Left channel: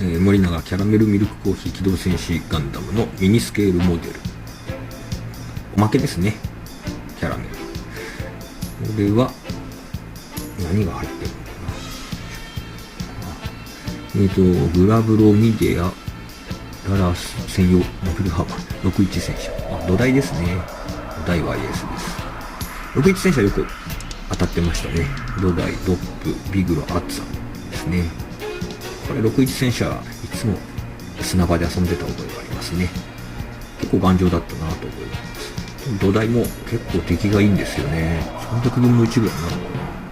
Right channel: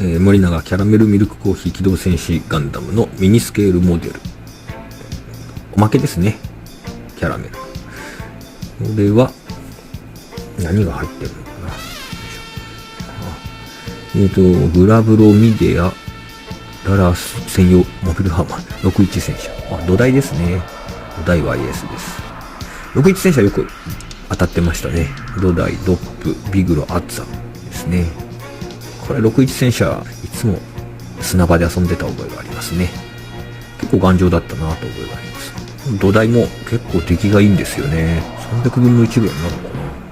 森永キャラメルミルクコーヒー機動戦士ガンダムのミニスケールモデル。おまけですね。キャラメル。これは、何が入ってるのかな。グラブロミデア、ララス専用モビルハーマー、61戦車。土台ですね。土台は IS です。61戦車よく当たってましたね。土台、ドップ、ビグロ、アッツァですね。これ61戦車、いつも砂場で遊んでた覚えがありますね。結構頑丈だったなと覚えがあります。土台も結構出来がいいんですよね。300分の1ぐらいになるのかな。